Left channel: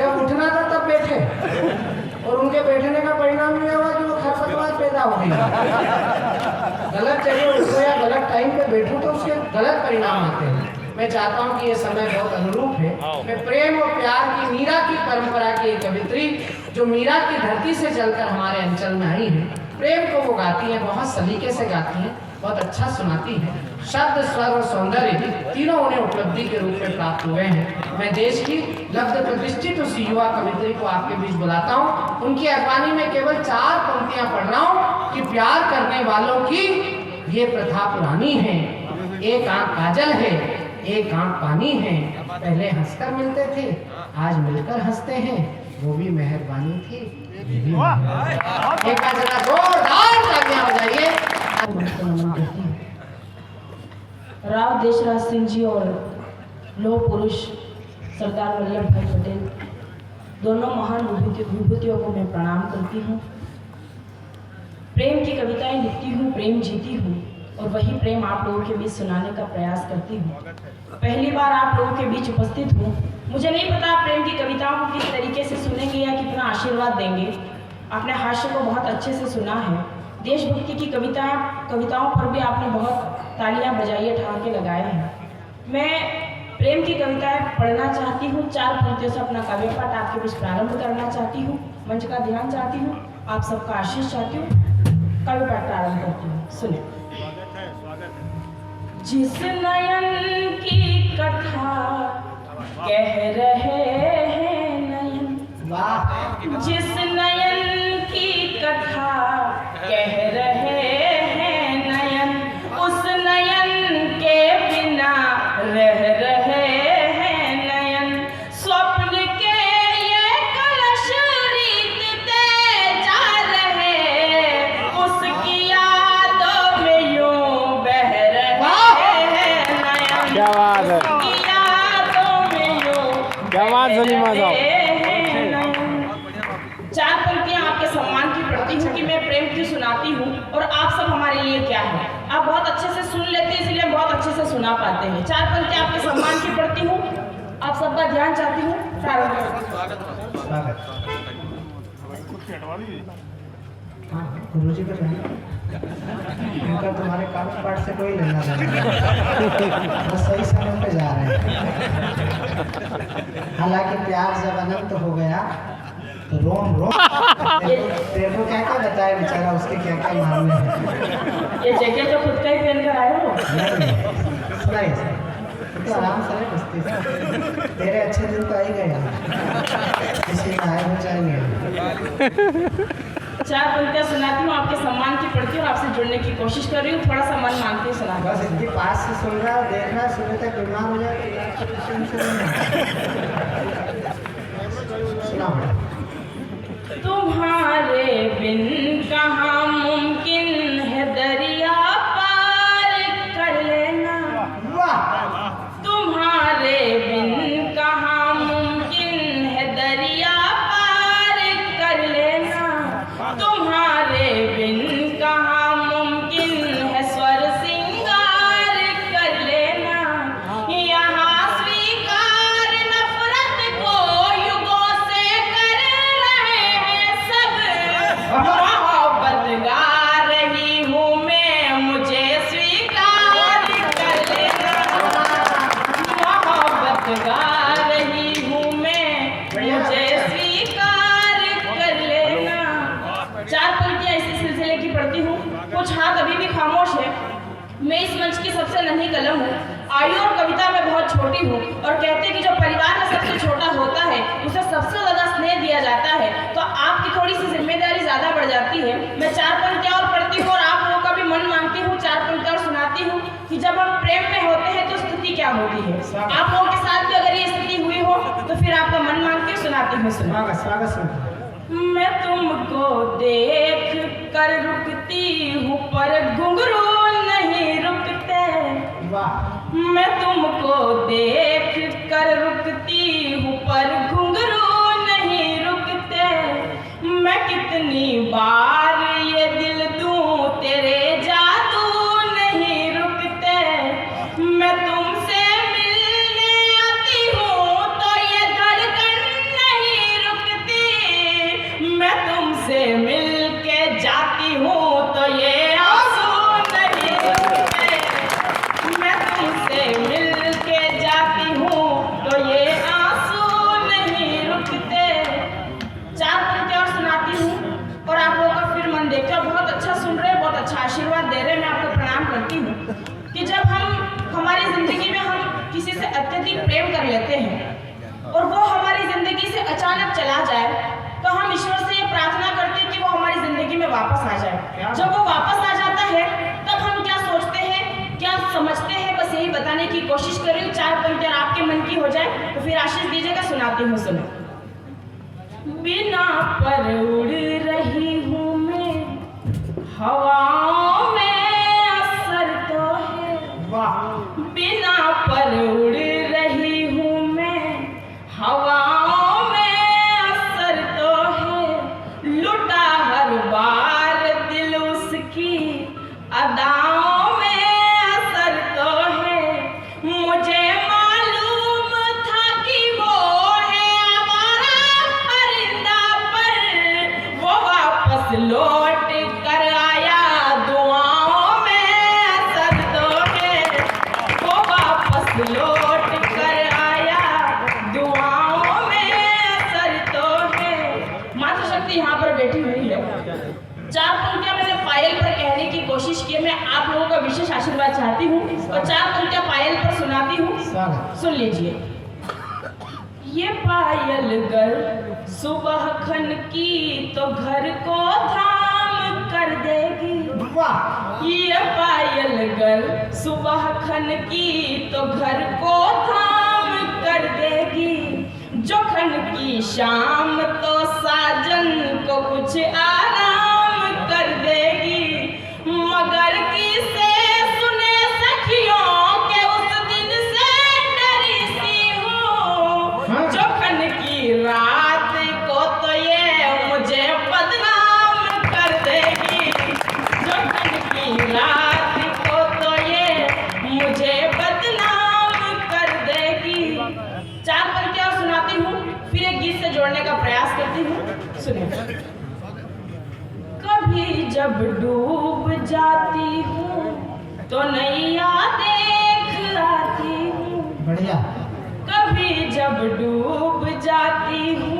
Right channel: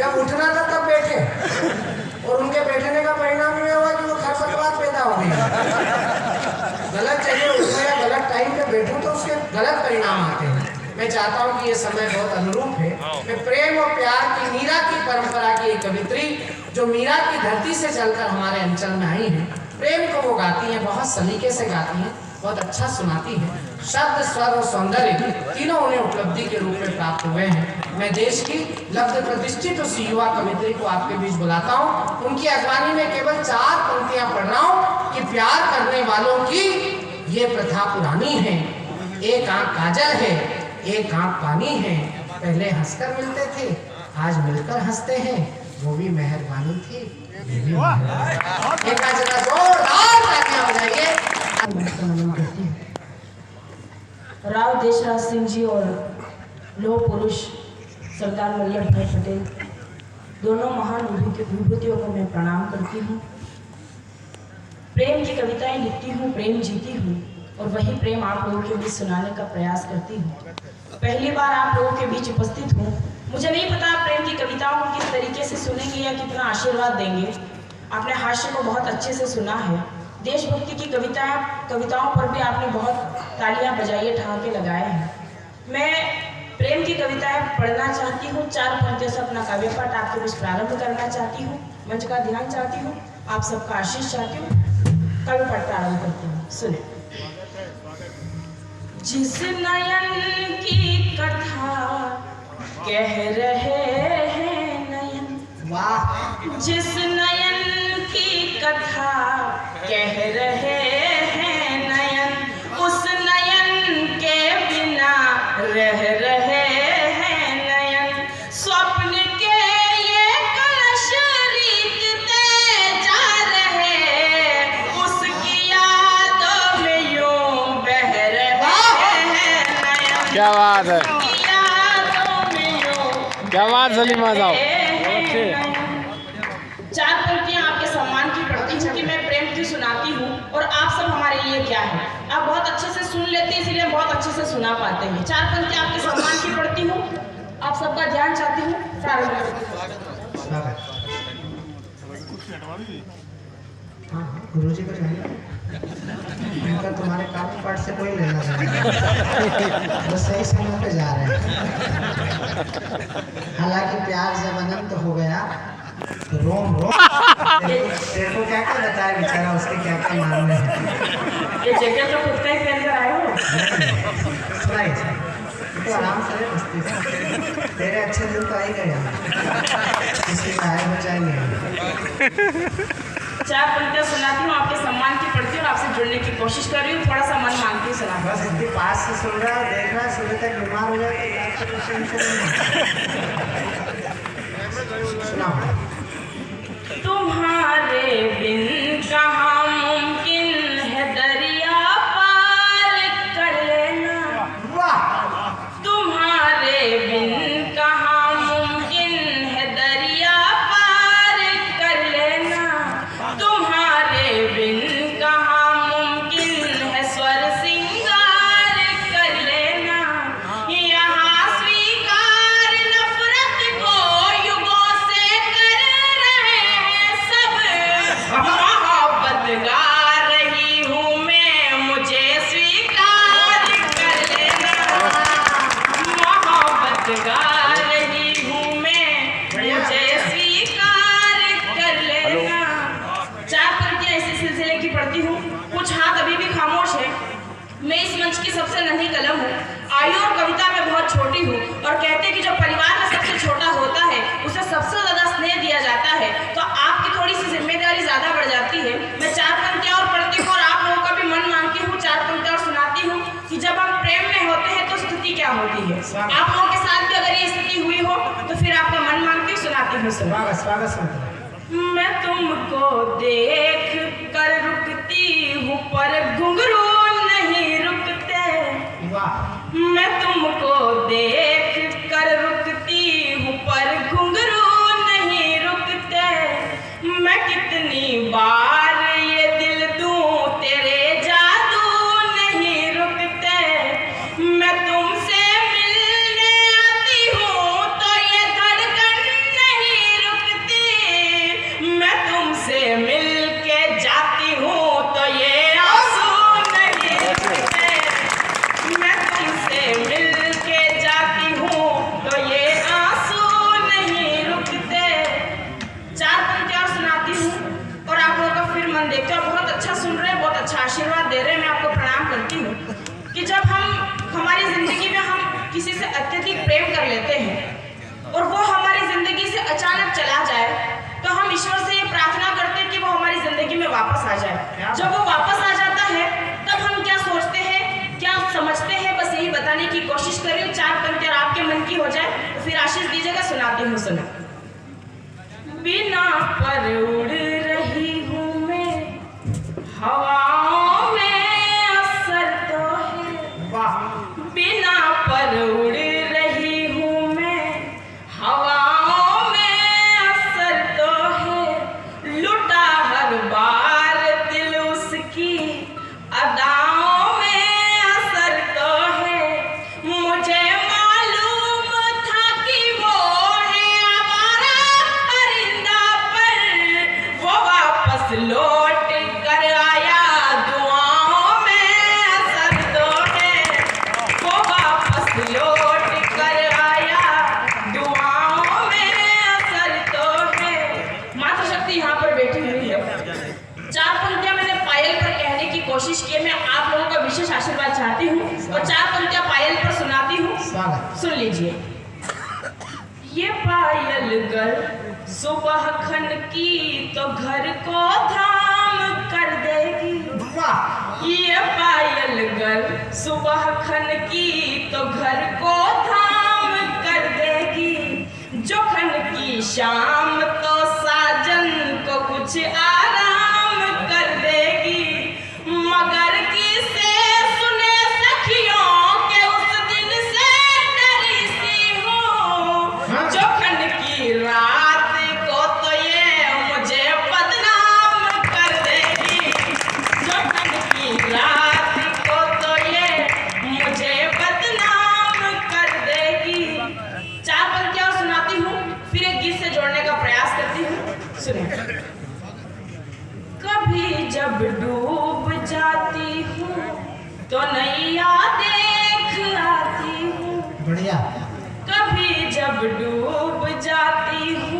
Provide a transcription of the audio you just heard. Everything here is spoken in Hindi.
जब उठना था तब बैठे, और उनके बैठने का परिणाम ये हुआ कि वो खरपतवार पैदा हो गई। गलत जगह उठ गया, गलत टाइम पे बैठूं तो उसके गलत परिणाम आते हैं। मैं चाहता हूँ कि ये समय बहुत अनुरूप है। मैं प्रेम और प्यार की मीरा की परंपरा की एक कवित्री जो मीरा की धरती से चलकर हमारे अंचल में आई है, प्रेम को वो गाती हैं, बहुत सलीके से गाती हैं, बहुत अच्छा सुनाती हैं। शब्द, स्वर और सौंदर्य तीनों उन्हें उपलब्धि के रूप में प्राप्त हुए हैं। मैं देश की लब्ध प्रतिष्ठित उस युवा कवित्री को आपके बीच बुलाता हूँ। उनकी अगवानी में केवल 4 पंक्तियां पढ़ रहा हूँ कि प्यार करने वालों की ये प्रथा पुरानी है। एक आंख काजल है, एक आंख पानी है, पहले हंसकर मिलते थे, आज मिलकर हंसते हैं, वो भी मेहरबानी थी। एक जोरदार तालियां बजाइए। राव देशराज सिंह जी और लौह पुरुष सरदार वल्लभ भाई पटेल दोनों महान विभूतियों को मैं प्रणाम करती हूँ। प्रेम की कविताएं लिखती हूँ, प्रेम जीती हूँ और वही प्रेम आप लोगों के बीच सुनाने का प्रयास करती हूँ। पहली बार आप लोगों के बीच उपस्थित हूँ। मुझे नहीं पता आप प्रेम की कविताओं को किस तरीके से सुनेंगे या कितना आशीर्वाद देंगे। आपने हास्य को बहुत अच्छे से सुना है। देशभक्ति की कविताओं पर भी आपने बहुत तालियां बजाइए ठहाके लगाए हैं। मैं प्रेम की कविताएं पढ़ना चाहती हूँ। 4 पंक्तियों से अपना काव्य पाठ आपके बीच प्रारंभ करना चाहती हूँ। मंच का ध्यान चाहती हूँ, आप सबका आशीष चाहती हूँ। काव्य पाठ प्रारंभ करती हूँ, सुने। जिस नयन की कथा कह रहे हैं नयन, जिस नयन की कथा कह रहे हैं नयन, उस नयन के बिना रह रहे हैं नयन। स्वप्न के ये कलश रीतते जा रहे, उसकी यादों में यूं बह रहे हैं नयन। क्या बात है, क्या बात सलीमा साहब। 4 पंक्तियां आपके सम्मान की पढ़ती हूँ कि मैं प्रेम क्यों सुनाती हूँ और आप सब हमारे लिए क्या है। आप बहुत अच्छे से सुन लेते हैं, इसलिए बहुत अच्छे से सुना पाते हैं। 4 पंक्तियां आपके सम्मान की पढ़ती हूँ, आप सबका ध्यान चाहती हूँ। गुरुजी को उनका तुम्हारे काव्य पाठ से कोई लेना देना, बस सही समय पे जा रहे हैं। हालांकि प्यार जब अनंत हो गया तो रोम तेरे को क्या क्या बताया बेचारा, उसके क्या क्या मामले हैं। ये जैकेट तो खुद का ही पहन कर आए हो। तो आराम से बस्ती से तेरे अच्छे दिन तो आ ही गए, इसलिए गायब हो जाएंगे। 4 पंक्तियां सुनाती हूँ, आपके सम्मान की पढ़ती हूँ और आपसे जुड़ने की कोशिश कर रही हूँ। थोड़ा सा मन मांगती हूँ सुना। बस इनके पास से सुन रहा, देखना, सुबह तक बीमार हो जाए तो तुम्हारे बिन कहाँ मुमकिन है दरिया पार कर लेना, तुम्हारे बिन कहाँ मुमकिन है दरिया पार कर लेना, तुम्हारे बिन कहाँ मुमकिन है स्वर सिंगार कर लेना। यहाँ स्वीकार नफरत को युगों से कर रहे हैं सब, मोहब्बत गा रही हूँ मैं, मुझे स्वीकार कर लेना। मोहब्बत गा रही हूँ मैं, मुझे स्वीकार कर लेना। 4 पंक्तियां इसी सिलसिले की पढ़ती हूँ। कुछ हाथ अभी भी खामोश है। मैं इस मंच की सबसे नन्ही कलम हूँ, आयु और कविता में बहुत छोटी हूँ और कहते हैं कि जो परिवार में सबसे छोटा होता है उसे सबसे ज्यादा स्नेह दिया जाता है, तो आपकी थोड़ी सी जिम्मेदारी ज्यादा बढ़ जाती है। मैं 4 पंक्तियां और पढ़ती हूँ और आप लोगों का भी मन मांगती हूँ। 4 पंक्तियां और सुनाती हूँ कि जब हम प्रेम में होते हैं तो स्थिति क्या होती है। आप लोगों के साथ भी अगर ये स्थिति हुई हो तो फिर आपका मन मांग के सुनाती हूँ। स्वागत। मैं तुमको देख कर रुकती हूँ पर घुंघरू नहीं रुकते, मैं तुमको देख कर रुकती हूँ पर घुंघरू नहीं रुकते। मैं कितनी बार ये दिल दूं तेरे जादू नहीं रुकते। मैं तुमसे मिलने आती हूँ तो ये धड़कन नहीं जाए तो फिर आशीष दीजिएगा, सुनाती हूँ। सुना। बिना पर उड़ रही हूँ मैं, हवाओं में असर तो है। बिना पर उड़ रही हूँ मैं, हवाओं में असर तो है। लुटा हर बार दिल उसकी अदाओं में असर तो है। मुझे मालूम था कि वो है हमारा परिंदा, पर वो वापस लौट कर आया दुआओं में असर तो है। वो वापस लौट कर आया दुआओं में असर तो है। मातृशक्ति यहाँ पर बैठी हुई है। 4 पंक्तियां मैंने पायल पर कहने की कोशिश की है। मैं आप लोगों का विशेष आशीर्वाद चाहती हूँ और 4 पंक्तियां पायल पर सुनाती हूँ। सुन लीजिए। ये पायल गर सुबह खन की तो घर को धाम कर देगी। ये पायल गर सुबह खन की तो घर को धाम कर देगी। जो खन की शाम तो साजन को कुछ आराम कर देगी। मगर किसे सुने सखियों के उस दिन से डरी सी हूँ। जो खन की रात को तो ये मुझे बदनाम कर देगी। जो खन की रात को तो ये मुझे बदनाम कर देगी। 4 पंक्तियां सुनाती हूँ, फिर एक गीत से जोड़ने का प्रयास करती हूँ। सुनिए। कभी जब डूब जाती हूँ तो नैया देख आती हूँ। बढ़िया। कभी जब डूब जाती हूँ